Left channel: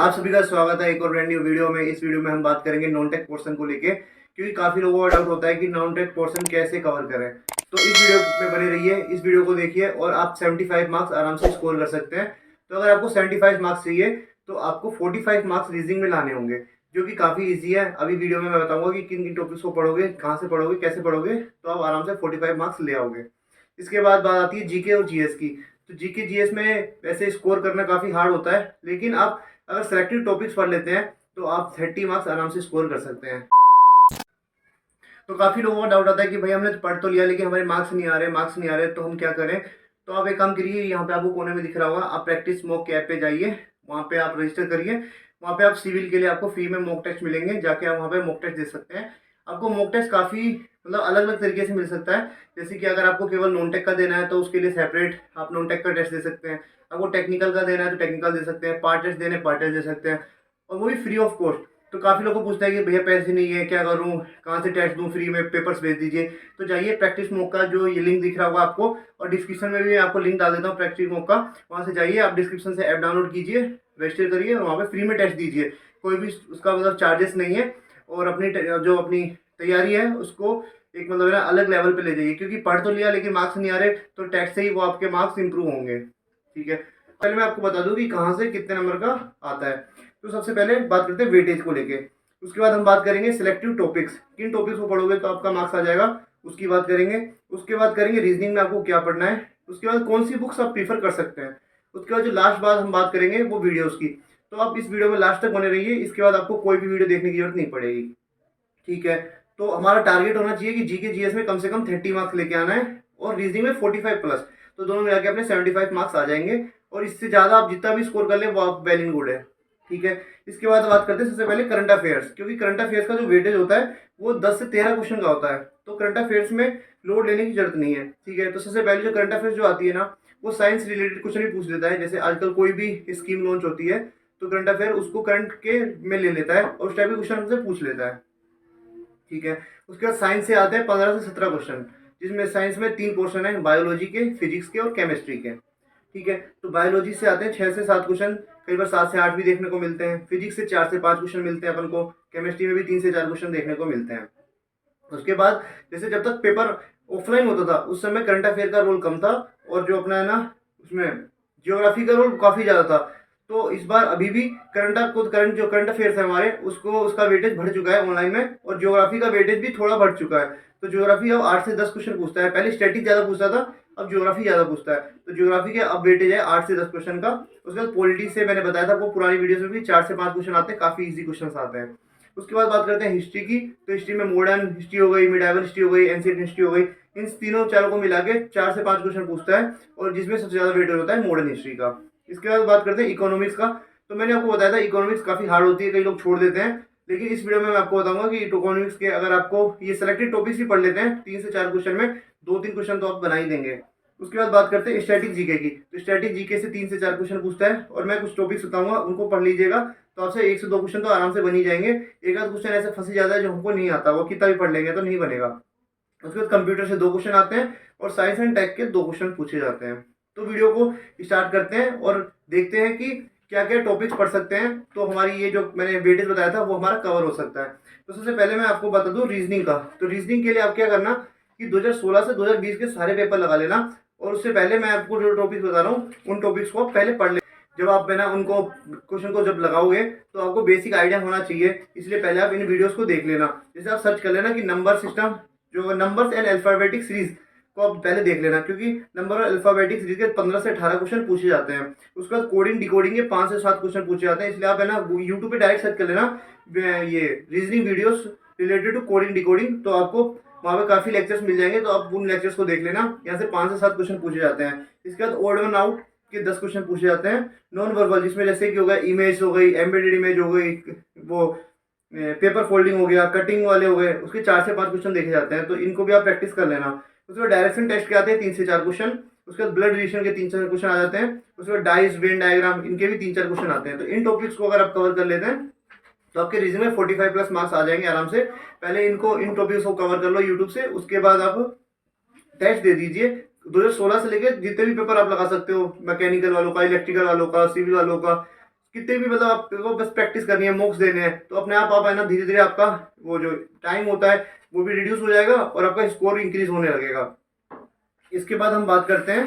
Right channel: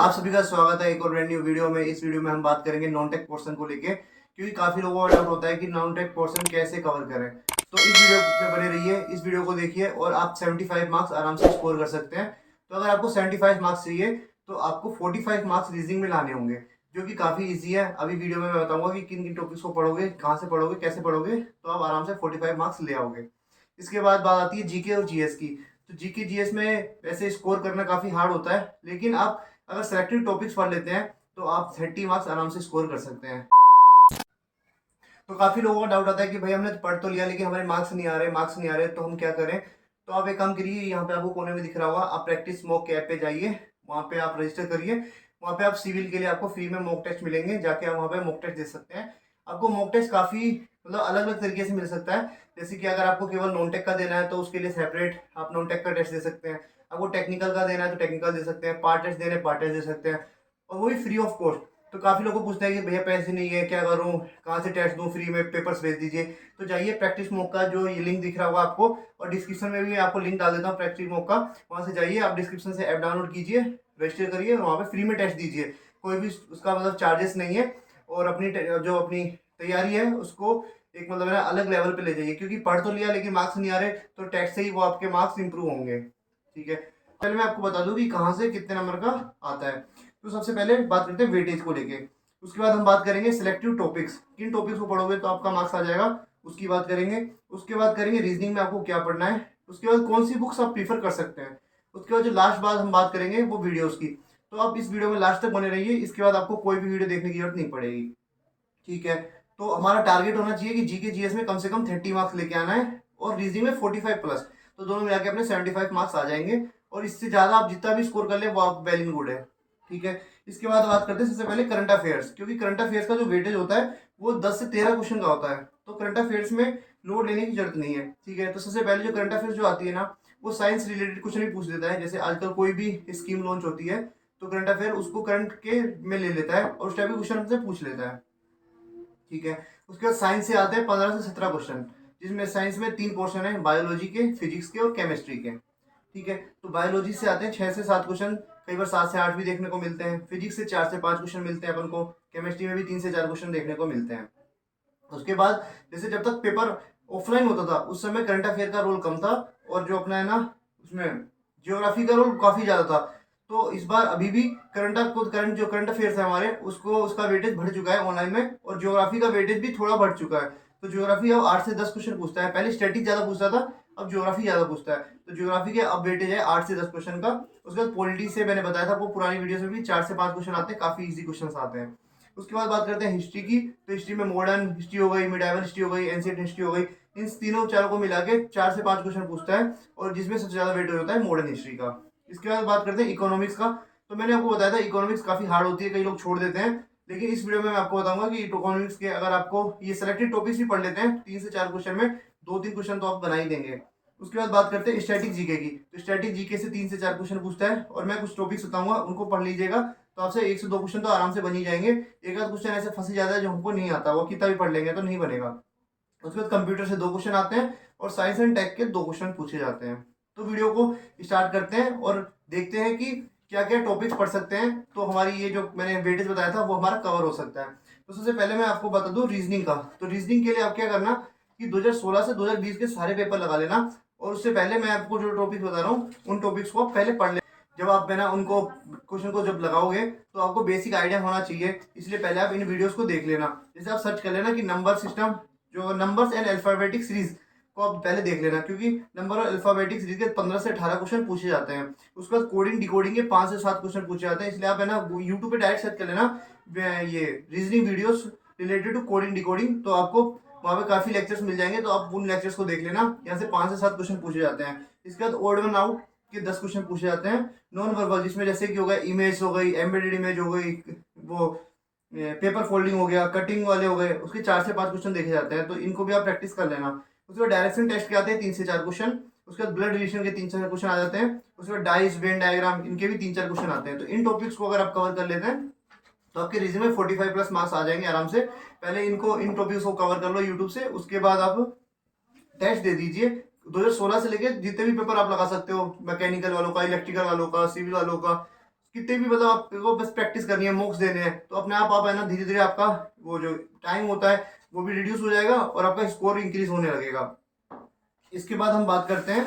आप सभी का स्वागत है एक और ब्रांड न्यू वीडियो में। इस वीडियो में हम बात करेंगे नॉन टेक पोर्शन को लेके, क्योंकि काफ़ी लोगों का डाउट होता है कि नॉन टेक पोर्शन कैसे कवर करें। तो इस वीडियो में बने रहिए, इस वीडियो को देखिए और आप 75 मार्क्स आराम से स्कोर कर सकते हैं। तो अगर आपको 75 मार्क्स चाहिए तो आपको 45 मार्क्स रीजनिंग में लाने होंगे, जो कि काफ़ी ईजी है। अभी वीडियो में मैं बताऊंगा कि किन किन टॉपिक्स को पढ़ोगे, कहाँ से पढ़ोगे, कैसे पढ़ोगे, तो आप आराम से 45 मार्क्स ले आओगे। इसके बाद बात आती है जीके और जीएस की। तो जीके जीएस में वैसे स्कोर करना काफ़ी हार्ड होता है, लेकिन आप अगर सेलेक्टेड टॉपिक्स पढ़ लेते हैं तो आप 30 मार्क्स आराम से स्कोर कर सकते हैं। तो काफ़ी लोगों का डाउट आता है कि भाई हमने पढ़ तो लिया लेकिन हमारे मार्क्स नहीं आ रहे, तो हम क्या करें। तो आप एक काम करिए, यहाँ पे आपको कोने में दिख रहा होगा, आप प्रैक्टिस मॉक के ऐप पे जाइए, वहाँ पे आप रजिस्टर करिए। वहाँ पे आप सिविल के लिए आपको फ्री में मॉक टेस्ट मिलेंगे, जाके आप वहाँ पे मॉक टेस्ट दे सकते हैं। आपको मॉक टेस्ट काफ़ी मतलब अलग अलग तरीके से मिल सकता है। जैसे कि अगर आपको केवल नॉन टेक का देना है तो उसके लिए सेपरेट आप नॉन टेक का टेस्ट दे सकते हैं। आपको टेक्निकल का देना है तो टेक्निकल दे सकते हैं, पार्ट टेस्ट देने पार्ट टेस्ट दे सकते हैं, और वो भी फ्री ऑफ कॉस्ट। तो काफ़ी लोगों को पूछता है कि भैया पैसे नहीं है, क्या करूँ, कहाँ से टेस्ट दूँ, फ्री में पेपर्स भेज दीजिए। तो जाइए प्रैक्टिस मॉक का जो ये लिंक दिख रहा होगा आपको, और डिस्क्रिप्शन में भी आपको लिंक डाल देता हूँ प्रैक्टिस मॉक का। वहाँ से जाइए, आप डिस्क्रिप्शन से ऐप डाउनलोड कीजिए, रजिस्टर करिए और वहाँ पे फ्री में टेस्ट दीजिए। कोई भी उसका मतलब चार्जेस नहीं है, और जो अपनी तैयारी है उसको एक मतलब है ना अलग लेवल पे ले जाइए, क्योंकि पढ़ तो लिया लेकिन मार्क्स नहीं आ रहे, तो टेस्ट से ही वो आपके मार्क्स इंप्रूव होंगे। ठीक है, पहले मैं आपको बता दूं कि कहाँ से कितने नंबर का आता है। तो सबसे पहले बात करते हैं वेटेज को लेके। उसके बाद हम बात करेंगे सिलेक्टिव टॉपिक्स, किन टॉपिक्स को पढ़ोगे तो आपका मार्क्स आ जाएगा, उसकी बात करेंगे। उसके बाद करेंगे रीजनिंग में आपको क्या पढ़ना है। उसके बाद कौन सी बुक्स आप प्रीफर कर सकते हैं। उसके बाद जो लास्ट बात हम बात करेंगे वो वीडियोस की। तो आप इस वीडियो में लास्ट तक बने रहिए, इसके बाद आपको कोई भी वीडियो देखने की जरूरत नहीं पड़ेगी। ठीक है, तो हमारा टारगेट होना चाहिए कि जीके जीएस में कम से कम 30 मार्क्स लेके आना है, और रीजनिंग में 45 प्लस। तो दोनों मिला के अपने 75 मार्क्स आ जाएंगे, और इससे ज़्यादा आप जितना भी स्कोर कर ले वो आप वेल इन गुड है। ठीक है, इसके बाद बात करते हैं सबसे पहले करंट अफेयर्स, क्योंकि करंट अफेयर्स का जो वेटेज होता है वो 10 से 13 क्वेश्चन का होता है। तो करंट अफेयर्स में लोड लेने की जरूरत नहीं है। ठीक है, तो सबसे पहले जो करंट अफेयर्स जो आती है ना, वो साइंस रिलेटेड क्वेश्चन ही पूछ लेता है। जैसे आजकल कोई भी स्कीम लॉन्च होती है तो करंट अफेयर उसको करंट के में ले लेता है, और उस टाइप के क्वेश्चन हमसे पूछ लेता है। ठीक है, उसके बाद साइंस से आते हैं 15 से 17 क्वेश्चन, जिसमें साइंस में 3 पोर्शन है, बायोलॉजी के, फिजिक्स के और केमिस्ट्री के। ठीक है, तो बायोलॉजी से आते हैं 6 से 7 क्वेश्चन, कई बार 7 से 8 भी देखने को मिलते हैं। फिजिक्स से 4 से 5 क्वेश्चन मिलते हैं अपन को, केमिस्ट्री में भी 3 से 4 क्वेश्चन देखने को मिलते हैं। उसके बाद जैसे जब तक पेपर ऑफलाइन होता था उस समय करंट अफेयर का रोल कम था, और जो अपना है ना उसमें जियोग्राफी का रोल काफ़ी ज़्यादा था। तो इस बार अभी भी करंट अफेयर्स है हमारे, उसको उसका वेटेज बढ़ चुका है ऑनलाइन में, और ज्योग्राफी का वेटेज भी थोड़ा बढ़ चुका है। तो ज्योग्राफी अब 8 से 10 क्वेश्चन पूछता है, पहले स्टैटिक ज़्यादा पूछता था, अब ज्योग्राफी ज़्यादा पूछता है। तो ज्योग्राफी के अब वेटेज है 8 से 10 क्वेश्चन का। उसके बाद पॉलिटी से मैंने बताया था, वो पुरानी वीडियोस में भी 4 से 5 क्वेश्चन आते हैं, काफ़ी ईजी क्वेश्चन आते हैं। उसके बाद बात करते हैं हिस्ट्री की। तो हिस्ट्री में मॉडर्न हिस्ट्री हो गई, मिडाइवल हिस्ट्री हो गई, एंशिएंट हिस्ट्री हो गई, इन तीनों चारों को मिला के 4 से 5 क्वेश्चन पूछता है, और जिसमें सबसे ज़्यादा वेटेज होता है मॉडर्न हिस्ट्री का। इसके बाद बात करते हैं इकोनॉमिक्स का। तो मैंने आपको बताया था इकोनॉमिक्स काफ़ी हार्ड होती है, कई लोग छोड़ देते हैं, लेकिन इस वीडियो में मैं आपको बताऊंगा कि इकोनॉमिक्स के अगर आपको ये सेलेक्टेड टॉपिक्स भी पढ़ लेते हैं 3 से 4 क्वेश्चन में, 2-3 क्वेश्चन तो आप बना ही देंगे। उसके बाद बात करते हैं स्टैटिक जीके की। तो स्टैटिक जीके से 3 से 4 क्वेश्चन पूछता है, और मैं कुछ टॉपिक्स बताऊंगा उनको पढ़ लीजिएगा, तो आपसे 1 से 2 क्वेश्चन तो आराम से बन ही जाएंगे। एक आध क्वेश्चन ऐसे फंसी जाता है जो हमको नहीं आता, वो कितना भी पढ़ लेंगे तो नहीं बनेगा। उसके बाद कंप्यूटर से 2 क्वेश्चन आते हैं, और साइंस एंड टेक के 2 क्वेश्चन पूछे जाते हैं। तो वीडियो को स्टार्ट करते हैं और देखते हैं कि क्या क्या टॉपिक्स पढ़ सकते हैं, तो हमारी ये जो मैंने वेटेज बताया था वो हमारा कवर हो सकता है। तो सबसे पहले मैं आपको बता दूं रीजनिंग का। तो रीजनिंग के लिए आप क्या करना कि 2016 से 2020 के सारे पेपर लगा लेना, और उससे पहले मैं आपको जो टॉपिक्स बता रहा हूँ उन टॉपिक्स को पहले पढ़ ले। जब आप है ना उनको क्वेश्चन को जब लगाओगे तो आपको बेसिक आइडिया होना चाहिए, इसलिए पहले आप इन वीडियोस को देख लेना। जैसे आप सर्च कर लेना कि नंबर सिस्टम, जो नंबर्स एंड अल्फाबेटिक सीरीज को आप पहले देख लेना, क्योंकि नंबर और अल्फाबेटिक सीरीज के 15 से 18 क्वेश्चन पूछे जाते हैं। उसके बाद कोडिंग डिकोडिंग के 5 से 7 क्वेश्चन पूछे जाते हैं, इसलिए आप है ना यूट्यूब पे डायरेक्ट सर्च कर लेना ये reasoning videos related to coding decoding, तो आपको वहाँ पे काफ़ी लेक्चर्स मिल जाएंगे, तो आप उन लेक्चर्स को देख लेना। यहाँ से 5 से 7 क्वेश्चन पूछे जाते हैं। इसके बाद ओड वन आउट के 10 क्वेश्चन पूछे जाते हैं। नॉन वर्बल, जिसमें जैसे कि हो गया इमेज हो गई, एम्बेडेड इमेज हो गई, वो पेपर फोल्डिंग हो गया, कटिंग वाले हो गए, उसके 4 से 5 क्वेश्चन देखे जाते हैं, तो इनको भी आप प्रैक्टिस कर लेना। उसके बाद डायरेक्शन टेस्ट के आते हैं 3 से 4 क्वेश्चन। उसके बाद ब्लड रिलेशन के 3 से 4 क्वेश्चन आ जाते हैं। उसके बाद डाइस वेन डायग्राम, इनके भी 3-4 क्वेश्चन आते हैं। तो इन टॉपिक्स को अगर आप कवर कर लेते हैं तो आपके रिज्यूमे में 45 प्लस मार्क्स आ जाएंगे आराम से। पहले इन टॉपिक्स को कवर कर लो यूट्यूब से, उसके बाद आप टेस्ट दे दीजिए। 2016 से लेकर जितने भी पेपर आप लगा सकते हो, मैकेनिकल वालों का, इलेक्ट्रिकल वालों का, सिविल वालों का, कितने भी मतलब आपको बस प्रैक्टिस करनी है, मॉक्स देने हैं, तो अपने आप है ना धीरे धीरे आपका वो जो टाइम होता है वो भी रिड्यूस हो जाएगा और आपका स्कोर इंक्रीज होने लगेगा। इसके बाद हम बात करते हैं,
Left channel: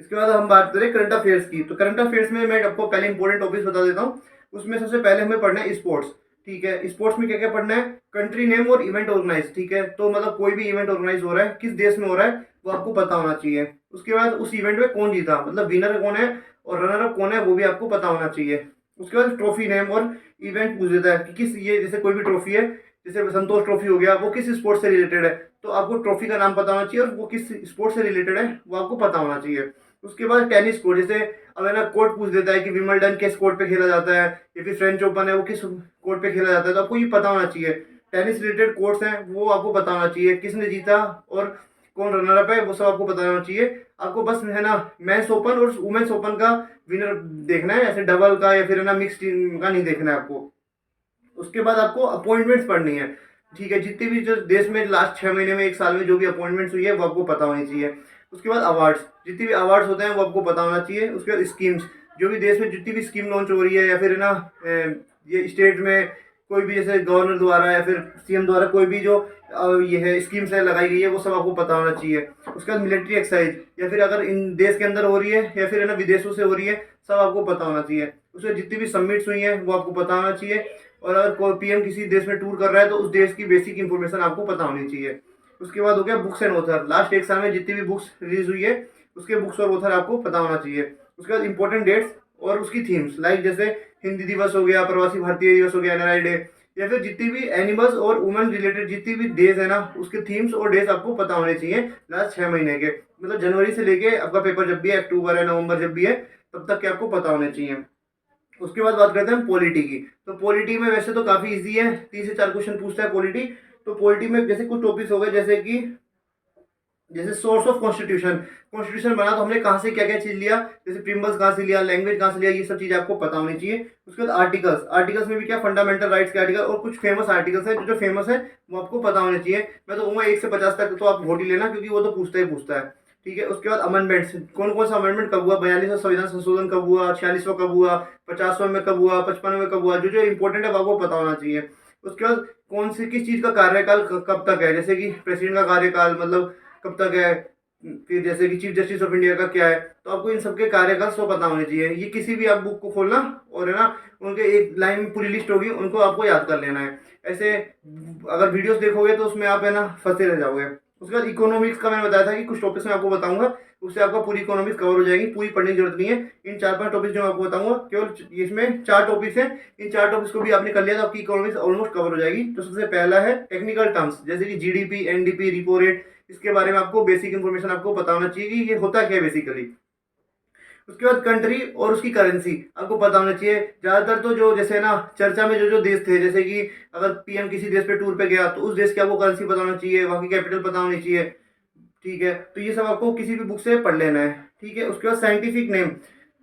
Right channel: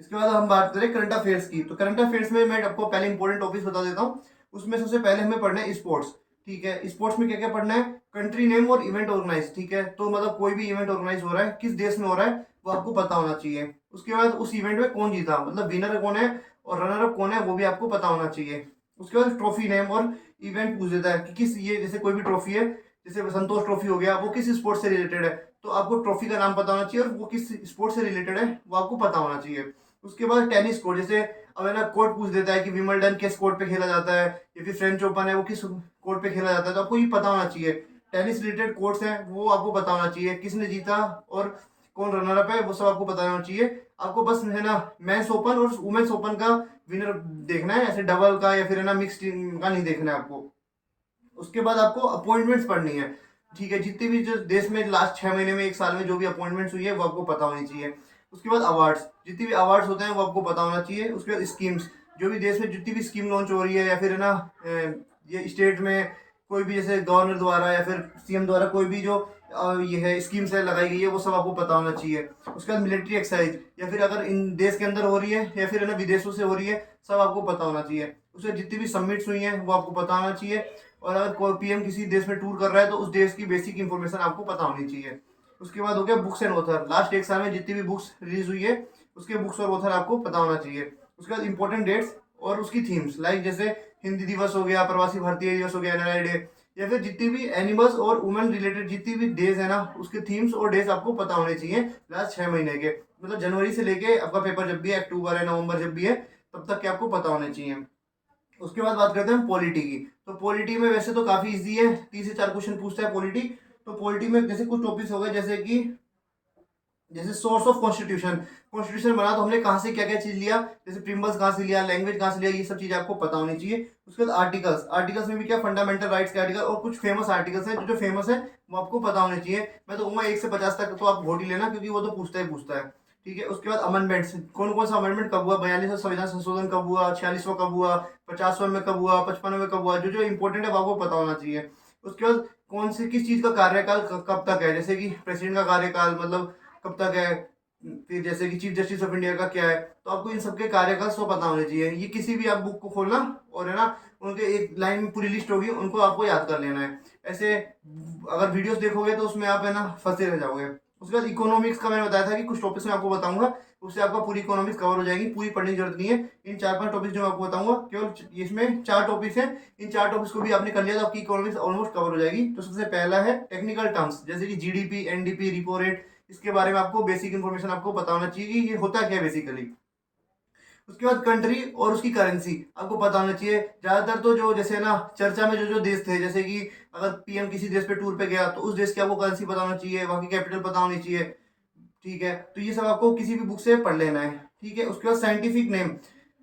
इसके बाद हम बात करें करंट अफेयर्स की। तो करंट अफेयर्स में मैं आपको पहले इंपॉर्टेंट टॉपिक्स बता देता हूँ। उसमें सबसे पहले हमें पढ़ना है स्पोर्ट्स। ठीक है, स्पोर्ट्स में क्या क्या पढ़ना है, कंट्री नेम और इवेंट ऑर्गेनाइज। ठीक है, तो मतलब कोई भी इवेंट ऑर्गेनाइज हो रहा है किस देश में हो रहा है वो आपको पता होना चाहिए। उसके बाद उस इवेंट में कौन जीता, मतलब विनर कौन है और रनर अप कौन है वो भी आपको पता होना चाहिए। उसके बाद ट्रॉफी नेम और इवेंट पूछ देता है कि किस, ये जैसे कोई भी ट्रॉफी है, जैसे संतोष ट्रॉफी हो गया, वो किस स्पोर्ट से रिलेटेड है, तो आपको ट्रॉफी का नाम पता होना चाहिए और वो किस स्पोर्ट से रिलेटेड है वो आपको पता होना चाहिए। उसके बाद टेनिस कोर्ट, जैसे अब है ना कोर्ट पूछ देता है कि विंबलडन किस कोर्ट पे खेला जाता है, या फिर फ्रेंच ओपन है वो किस कोर्ट पे खेला जाता है, तो आपको ये पता होना चाहिए। टेनिस रिलेटेड कोर्ट्स हैं वो आपको पता होना चाहिए, किसने जीता और कौन रनर अप है वो सब आपको पता होना चाहिए। आपको बस है ना मेंस ओपन और वुमेन्स ओपन का विनर देखना है, ऐसे डबल का या फिर है ना मिक्स टीम का नहीं देखना है आपको। उसके बाद आपको अपॉइंटमेंट्स पढ़नी है। ठीक है, जितने भी जो देश में लास्ट 6 महीने में, 1 साल में जो भी अपॉइंटमेंट्स हुई है वो आपको पता होनी चाहिए। उसके बाद अवार्ड्स, जितने भी अवार्ड्स होते हैं वो आपको पता होना चाहिए। उसके बाद स्कीम्स, जो भी देश में जितनी भी स्कीम लॉन्च हो रही है या फिर है ना ये स्टेट में कोई भी जैसे गवर्नर द्वारा या फिर सीएम द्वारा कोई भी जो ये है स्कीम्स है लगाई गई है वो सब आपको पता होना चाहिए। उसके बाद मिलिट्री एक्सरसाइज, या फिर अगर इन देश के अंदर हो रही है या फिर है ना विदेशों से हो रही है, सब आपको पता होना चाहिए। उसमें जितनी भी सबमिट्स हुई हैं वो आपको पता होना चाहिए। और अगर कोई पीएम किसी देश में टूर कर रहा है तो उस देश की बेसिक इंफॉर्मेशन आपको पता होनी चाहिए। उसके बाद हो गया बुक्स एंड ऑथर, लास्ट 1 साल में जितनी भी बुक्स रिलीज हुई है उसके बुक्स और ऑथर आपको पता होना चाहिए। उसके बाद इंपॉर्टेंट डेट्स और उसकी थीम्स, लाइक जैसे हिंदी दिवस हो गया, प्रवासी भारतीय दिवस हो गया, एनआरआई डे, या फिर जितनी भी एनिमल्स और वुमेन रिलेटेड जितनी भी डेज है ना उसके थीम्स और डेज आपको पता होने चाहिए लास्ट 6 महीने के, मतलब जनवरी से लेके आपका पेपर जब भी है, अक्टूबर है, नवंबर जब भी है, तब तक के आपको पता होने चाहिए। उसके बाद बात करते हैं पॉलिटी की। तो पॉलिटी में वैसे तो काफी इजी है, 3 से 4 क्वेश्चन पूछता है पॉलिटी। तो पॉलिटी में जैसे कुछ टॉपिक्स हो गए, जैसे कि जैसे सोर्स ऑफ कॉन्स्टिट्यूशन, कॉन्स्टिट्यूशन बना तो हमने कहाँ से क्या क्या चीज लिया, जैसे प्रिम्बल्स कहाँ से लिया, लैंग्वेज कहाँ से लिया, ये सब चीज आपको पता होनी चाहिए। उसके बाद आर्टिकल्स, आर्टिकल्स में भी क्या फंडामेंटल राइट्स के आर्टिकल और कुछ फेमस आर्टिकल्स हैं, जो फेमस है वो आपको पता होने चाहिए। मैं तो कहूँगा 1 से 50 तक तो आप वोट ही लेना, क्योंकि वो तो पूछता ही पूछता है। ठीक है, उसके बाद अमेंडमेंट्स, कौन कौन सा अमेंडमेंट कब हुआ, 42वां संविधान संशोधन कब हुआ, 46वां कब हुआ, 50वां में कब हुआ, 55वें में कब हुआ, जो जो इंपॉर्टेंट है वो आपको पता होना चाहिए। उसके बाद कौन से किस चीज का कार्यकाल कब तक है, जैसे कि प्रेसिडेंट का कार्यकाल मतलब कब तक है, फिर जैसे कि चीफ जस्टिस ऑफ इंडिया का क्या है, तो आपको इन सबके कार्यकाल सब पता होने चाहिए। ये किसी भी आप बुक को खोलना और है ना उनके एक लाइन में पूरी लिस्ट होगी, उनको आपको याद कर लेना है। ऐसे अगर वीडियोस देखोगे तो उसमें आप है ना फंसे रह जाओगे। उसके बाद इकोनॉमिक्स का मैंने बताया था कि कुछ टॉपिक्स मैं आपको बताऊंगा, उससे आपका पूरी इकोनॉमिक्स कवर हो जाएगी, पूरी पढ़ने की जरूरत नहीं है। इन 4-5 टॉपिक्स जो मैं आपको बताऊंगा, केवल इसमें 4 टॉपिक्स हैं, इन 4 टॉपिक्स को भी आपने कर लिया तो आपकी इकोनॉमिक्स ऑलमोस्ट कवर हो जाएगी। तो सबसे पहला है टेक्निकल टर्म्स, जैसे कि जीडीपी, एनडीपी, रिपो रेट, इसके बारे में आपको बेसिक इन्फॉर्मेशन आपको पता होना चाहिए कि ये होता क्या है बेसिकली। उसके बाद कंट्री और उसकी करेंसी आपको पता होना चाहिए। ज्यादातर तो जो जैसे ना चर्चा में जो जो देश थे, जैसे कि अगर पीएम किसी देश पे टूर पे गया तो उस देश की आपको करेंसी पता होना चाहिए, वहाँ की कैपिटल पता होनी चाहिए। ठीक है, तो ये सब आपको किसी भी बुक से पढ़ लेना है। ठीक है, उसके बाद साइंटिफिक नेम,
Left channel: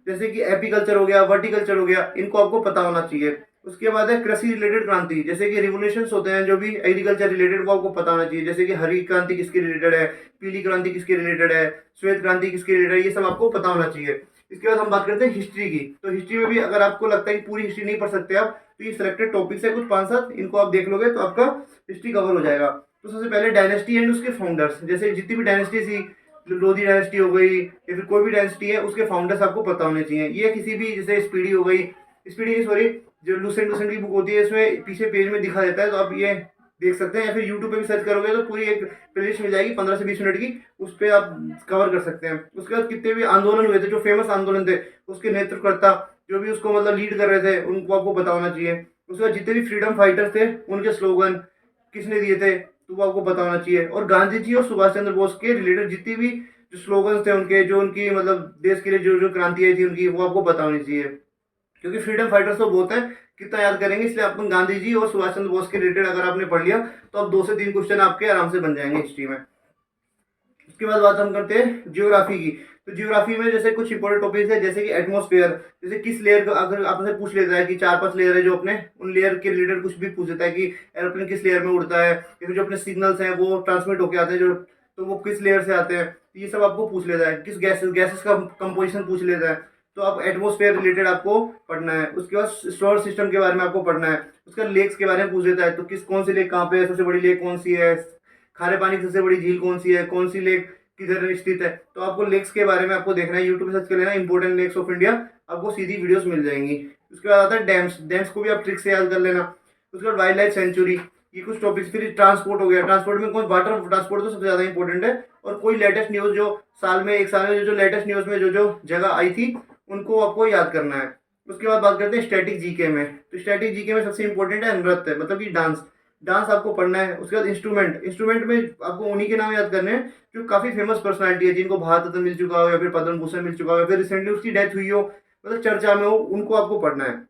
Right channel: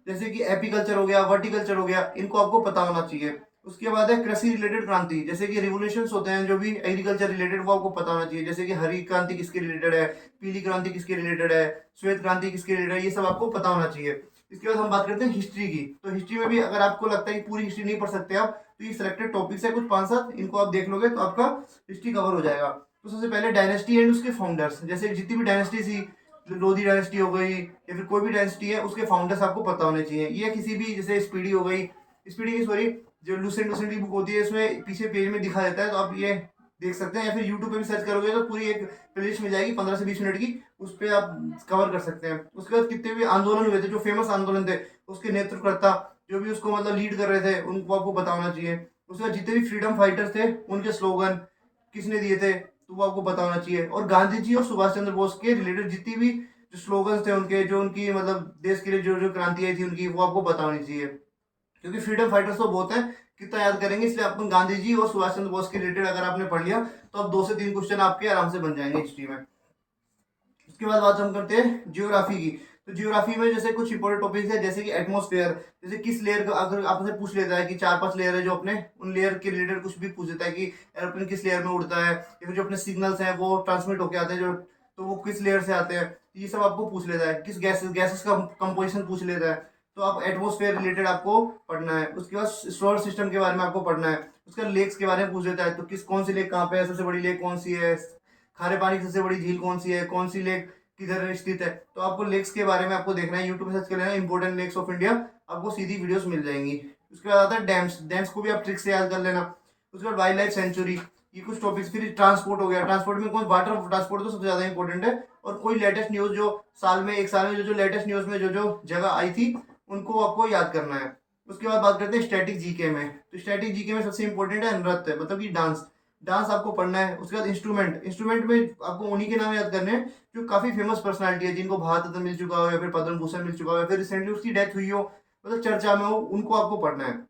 जैसे कि एपीकल्चर हो गया, वर्टिकल्चर हो गया, इनको आपको पता होना चाहिए। उसके बाद है कृषि रिलेटेड क्रांति, जैसे कि रिवोल्यूशंस होते हैं जो भी एग्रीकल्चर रिलेटेड, वो आपको पता होना चाहिए, जैसे कि हरी क्रांति किसके रिलेटेड है, पीली क्रांति किसके रिलेटेड है, श्वेत क्रांति किसके रिलेटेड है, ये सब आपको पता होना चाहिए। इसके बाद हम बात करते हैं हिस्ट्री की। तो हिस्ट्री में भी अगर आपको लगता है कि पूरी हिस्ट्री नहीं पढ़ सकते आप, तो ये सिलेक्टेड टॉपिक्स है कुछ 5-7, इनको आप देख लोगे तो आपका हिस्ट्री कवर हो जाएगा। तो सबसे पहले डायनेस्टी एंड उसके फाउंडर्स, जैसे जितनी भी डायनेस्टी थी, लोधी डायनेस्टी हो गई या फिर कोई भी डायनेस्टी है, उसके फाउंडर्स आपको पता होने चाहिए। ये किसी भी जैसे स्पीडी हो गई, स्पीडी सॉरी जो लूसेंट लूसेंट की बुक होती है इसमें पीछे पेज में दिखा देता है, तो आप ये देख सकते हैं, या फिर यूट्यूब पे भी सर्च करोगे तो पूरी एक प्लेलिस्ट मिल जाएगी 15 से 20 मिनट की, उस पर आप कवर कर सकते हैं। उसके बाद कितने भी आंदोलन हुए थे, जो फेमस आंदोलन थे, उसके नेतृत्वकर्ता जो भी उसको मतलब लीड कर रहे थे उनको आपको पता होना चाहिए। उसके बाद जितने भी फ्रीडम फाइटर्स थे उनके स्लोगन किसने दिए थे तो वो आपको पता होना चाहिए। और गांधी जी और सुभाष चंद्र बोस के रिलेटेड जितनी भी जो स्लोगन्स थे उनके, जो उनकी मतलब देश के लिए जो जो क्रांतियां थी उनकी, वो आपको पता होनी चाहिए। क्योंकि फ्रीडम फाइटर्स तो बहुत है, कितना याद करेंगे, इसलिए अपन गांधी जी और सुभाष चंद्र बोस के रिलेटेड अगर आपने पढ़ लिया तो अब 2 से 3 क्वेश्चन आपके आराम से बन जाएंगे हिस्ट्री में। उसके बाद बात हम करते हैं जियोग्राफी की। तो जियोग्राफी में जैसे कुछ इंपॉर्टेंट टॉपिक्स है, जैसे कि एटमॉस्फेयर, जैसे किस लेयर का अगर आपसे पूछ लेता है कि 4-5 लेयर है जो अपने, उन लेयर के रिलेटेड कुछ भी पूछ देता है कि एरोप्लेन किस लेयर में उड़ता है, या फिर जो अपने सिग्नल्स हैं वो ट्रांसमिट होके आते हैं जो, तो वो किस लेयर से आते हैं, तो ये सब आपको पूछ लेता है। किस गैसेस का कंपोजिशन पूछ लेता है। तो आप एटमॉस्फेयर रिलेटेड आपको पढ़ना है। उसके बाद सोलर सिस्टम के बारे में आपको पढ़ना है। उसका लेक्स के बारे में पूछ लेता है, तो कौन सी लेक कहाँ पे है, सबसे बड़ी लेक कौन सी है, खारे पानी की सबसे बड़ी झील कौन सी है, कौन सी लेक किधर स्थित है। तो आपको लेक्स के बारे में आपको देखना है, यूट्यूब पे सर्च कर लेना इंपॉर्टेंट लेक्स ऑफ इंडिया, आपको सीधी वीडियोस मिल जाएंगी। उसके बाद आता है डैम्स। डैम्स को भी आप ट्रिक से याद कर लेना। उसके बाद वाइल्ड लाइफ सेंचुरी, ये कुछ टॉपिक्स। फिर ट्रांसपोर्ट हो गया। ट्रांसपोर्ट में कौन, वाटर ट्रांसपोर्ट तो सबसे ज़्यादा इंपॉर्टेंट है। और कोई लेटेस्ट न्यूज़ जो एक साल में जो लेटेस्ट न्यूज़ में जो जगह आई थी उनको आपको याद करना है। उसके बाद बात करते हैं स्टैटिक जीके में। तो स्टैटिक जीके में सबसे इंपॉर्टेंट है नृत्य, मतलब कि डांस। डांस आपको पढ़ना है। उसके बाद इंस्ट्रूमेंट में आपको उन्हीं के नाम याद करने हैं जो काफ़ी फेमस पर्सनालिटी है, जिनको भारत रत्न मिल चुका हो या फिर पद्म भूषण मिल चुका हो या फिर रिसेंटली उसकी डेथ हुई हो, मतलब चर्चा में हो, उनको आपको पढ़ना है।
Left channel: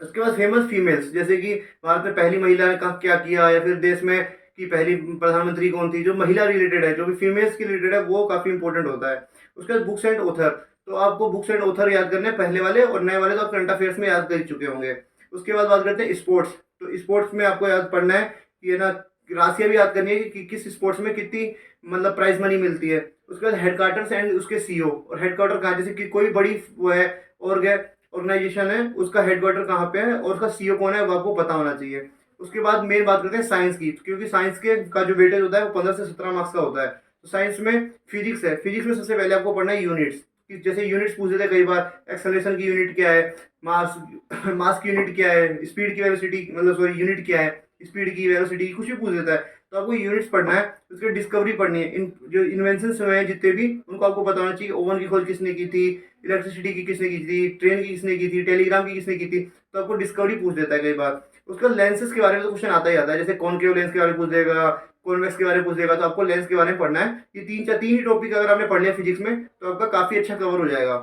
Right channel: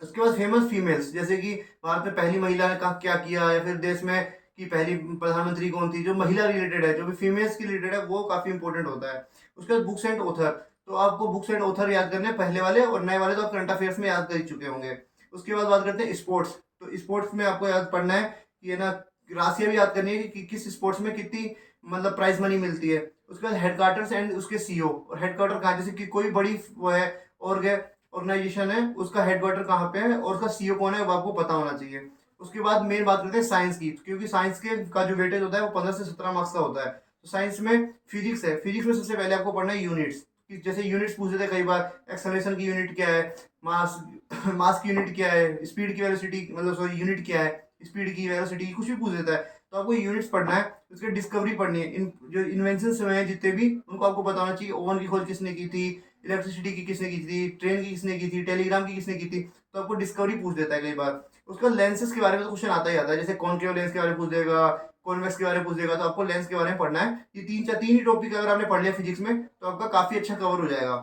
उसके बाद फेमस फीमेल्स, जैसे कि भारत में पहली महिला ने क्या किया, या फिर देश में की पहली प्रधानमंत्री कौन थी, जो महिला रिलेटेड है, जो भी फीमेल्स की रिलेटेड है, वो काफ़ी इंपॉर्टेंट होता है। उसके बाद बुक्स एंड ऑथर, तो आपको बुक्स एंड ऑथर याद करने हैं, पहले वाले और नए वाले तो आप करंट अफेयर्स में याद कर चुके होंगे। उसके बाद बात करते हैं स्पोर्ट्स। तो स्पोर्ट्स में आपको याद पढ़ना है कि ना, राशियाँ भी याद करनी है कि किस स्पोर्ट्स में कितनी मतलब प्राइज मनी मिलती है। उसके बाद हेडक्वार्टर्स एंड उसके सीईओ, और हेडक्वार्टर कहाँ, जैसे कि कोई बड़ी वो है ऑर्गेनाइजेशन है, उसका हेडक्वार्टर कहाँ पे है और उसका सीईओ कौन है, वो आपको पता होना चाहिए। उसके बाद मेन बात करते हैं साइंस की, क्योंकि साइंस के का जो वेटेज होता है वो 15 से 17 मार्क्स का होता है। तो साइंस में फिजिक्स है। फिजिक्स में सबसे पहले आपको पढ़ना है यूनिट्स, जैसे यूनिट्स पूछ लेते हैं कई बार, एक्सेलरेशन की यूनिट क्या है, मास मास की यूनिट क्या है, स्पीड की वेलोसिटी, मतलब सॉरी यूनिट क्या है, स्पीड की वेलोसिटी, कुछ भी पूछ देता है। तो आपको यूनिट्स पढ़ना है। उसकी डिस्कवरी पढ़नी है। इन जो इन्वेंशन हुए हैं जितने भी, उनको आपको पता होना चाहिए। ओवन की खोज किसने की थी, इलेक्ट्रिसिटी की किसने की थी, ट्रेन की किसने की थी, टेलीग्राम की किसने की थी। तो आपको डिस्कवरी पूछ देता है कई बार। उसका लेंसेज के बारे में तो क्वेश्चन आता ही आता है, जैसे कॉनकेव लेंस के बारे में पूछ देगा, कॉन्वेक्स के बारे में पूछ देगा। तो आपको लेंस के बारे में पढ़ना है। ये तीन ही टॉपिक अगर आपने पढ़ लिया फिजिक्स में तो आपका काफी अच्छा कवर हो जाएगा।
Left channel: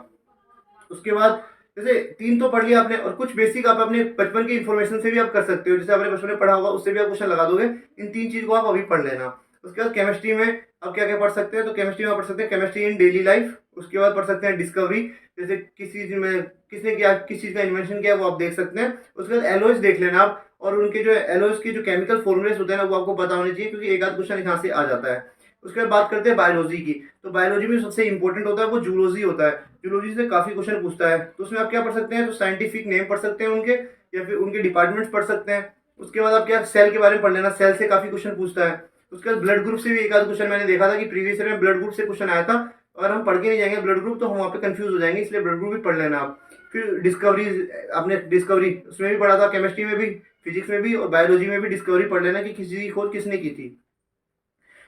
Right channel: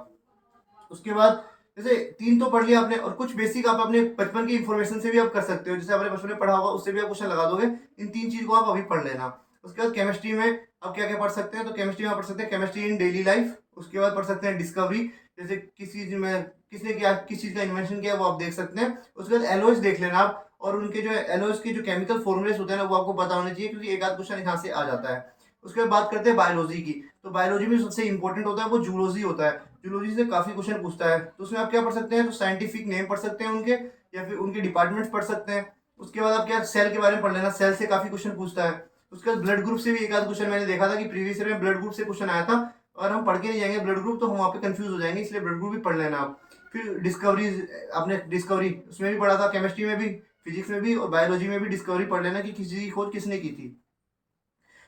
उसके बाद जैसे 3 तो पढ़ लिया आपने, और कुछ बेसिक आप अपने बचपन की इन्फॉर्मेशन से भी आप कर सकते हो, जैसे आपने बचपन में पढ़ा होगा उससे भी आप क्वेश्चन लगा दोगे। इन 3 चीज को आप अभी पढ़ लेना। उसके बाद केमिस्ट्री में आप क्या क्या पढ़ सकते हैं, तो केमिस्ट्री में आप पढ़ सकते हैं केमिस्ट्री इन डेली लाइफ। उसके बाद पढ़ सकते हैं डिस्कवरी, जैसे किसने क्या, किस चीज का इन्वेंशन किया, वो आप देख सकते हैं। उसके बाद एलॉयज देख लेना आप, और उनके जो एलॉयज के जो केमिकल फॉर्मुलेस होते हैं ना, वो आपको पता होने चाहिए, क्योंकि एक आध क्वेश्चन यहाँ से आ जाता है। उसके बाद बात करते हैं बायोलॉजी की। तो बायोलॉजी में सबसे इंपॉर्टेंट होता है वो जूलॉजी होता है। जूलॉजी से काफी क्वेश्चन पूछता है। तो उसमें आप क्या पढ़ सकते हैं, तो साइंटिफिक नेम पढ़ सकते हैं उनके, या फिर उनके डिपार्टमेंट्स पढ़ सकते हैं। उसके बाद आप क्या, सेल के बारे में पढ़ लेना, सेल से काफी क्वेश्चन पूछता है। उसके बाद ब्लड ग्रुप से भी एक आध क्वेश्चन मैंने देखा था कि प्रीवियस ईयर में ब्लड ग्रुप से क्वेश्चन आया था। अगर हम पढ़ के नहीं जाएंगे ब्लड ग्रुप तो हम वहाँ पे कंफ्यूज हो जाएंगे, इसलिए ब्लड ग्रुप भी पढ़ लेना आप। फिर डिस्कवरी, आपने डिस्कवरी उसमें भी पढ़ा था, केमिस्ट्री में भी, फिजिक्स में भी और बायोलॉजी में भी डिस्कवरी पढ़ लेना कि किसी की खोज किसने की थी।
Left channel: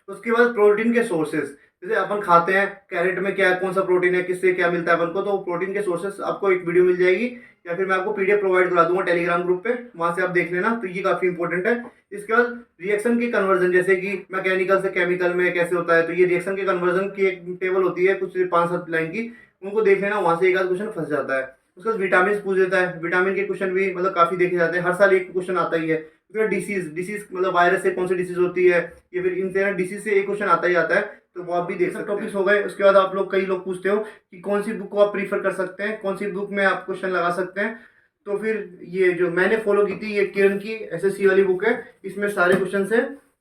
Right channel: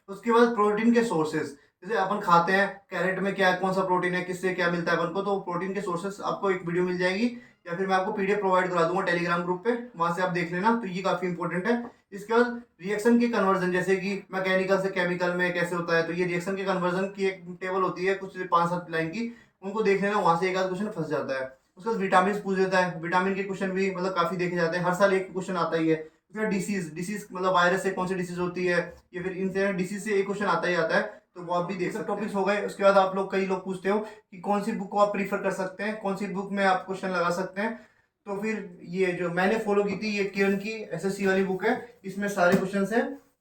उसके बाद प्रोटीन के सोर्सेज, जैसे अपन खाते हैं, कैरेट में क्या कौन सा प्रोटीन है, किससे क्या मिलता है अपन को, तो प्रोटीन के सोर्सेज आपको एक वीडियो मिल जाएगी, या फिर मैं आपको पीडीएफ प्रोवाइड करा दूंगा टेलीग्राम ग्रुप पे, वहां से आप देख लेना। तो ये काफी इंपॉर्टेंट है। इसके बाद रिएक्शन की कन्वर्जन, जैसे कि मैकेनिकल से केमिकल में कैसे होता है, तो ये रिएक्शन के कन्वर्जन की एक टेबल होती है कुछ 5-7 लाइन की, उनको देख लेना, वहां से एक आध क्वेश्चन फंस जाता है। उसके बाद विटामिन पूछ देता है, विटामिन के क्वेश्चन भी मतलब काफी देखे जाते हैं, हर साल एक क्वेश्चन आता ही है। फिर डिसीज मतलब वायरस से कौन सी डिसीज होती है, या फिर इनसे डिसीज से एक क्वेश्चन आता ही आता है, तो वो आप भी देख सकते हो। टॉपिक्स हो गए। उसके बाद आप लोग, कई लोग पूछते हो कि कौन सी बुक को आप प्रीफर कर सकते हैं, कौन सी बुक में आप क्वेश्चन लगा सकते हैं। तो फिर ये जो मैंने फॉलो की थी, ये किरण की एसएससी वाली बुक है, इसमें सारे क्वेश्चन है।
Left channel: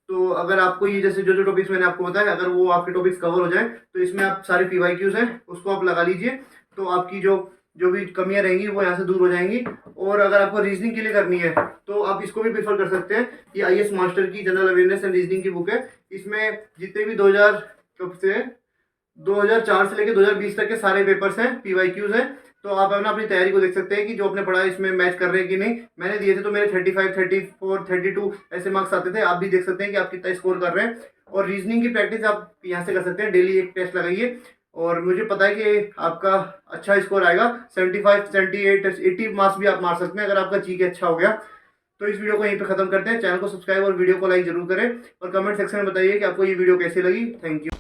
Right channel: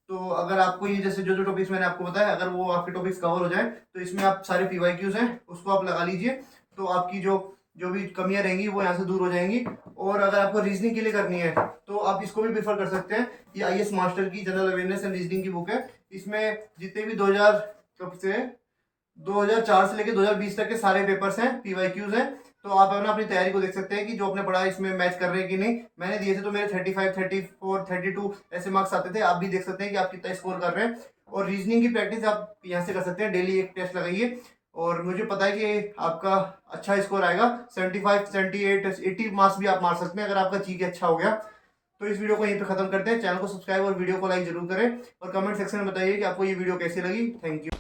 तो अगर आपको ये जैसे जो टॉपिक्स मैंने आपको बताया, अगर वो आपके टॉपिक्स कवर हो जाए तो इसमें आप सारे पीवाईक्यूज हैं उसको आप लगा लीजिए, तो आपकी जो जो भी कमियां रहेंगी वो यहाँ से दूर हो जाएंगी। और अगर आपको रीजनिंग के लिए करनी है तो आप इसको भी प्रीफर कर सकते हैं। ये आईएएस मास्टर की जनरल अवेयरनेस एंड रीजनिंग की बुक है। इसमें जितने भी 2004 से लेकर 2020 तक के सारे पेपर्स हैं, पीवाईक्यूज हैं। तो आप अपनी तैयारी को देख सकते हैं कि जो आपने पढ़ा है इसमें मैच कर रहे हैं कि नहीं। मैंने दिए थे तो मेरे 35, 34, 32 ऐसे मार्क्स आते थे। आप भी देख सकते हैं कि आप कितना स्कोर कर रहे हैं। और रीजनिंग की प्रैक्टिस आप यहाँ से कर सकते हैं, डेली एक टेस्ट लगाइए, और मुझे पता है कि आपका अच्छा स्कोर आएगा। 75, 78, 80 मार्क्स भी आप मार सकते हैं अगर आपका जीके अच्छा हो गया। तो इस वीडियो को यहीं पे खत्म करते हैं। चैनल को सब्सक्राइब और वीडियो को लाइक जरूर करें, और कमेंट सेक्शन में बताइए कि आपको ये वीडियो कैसी लगी। Thank you.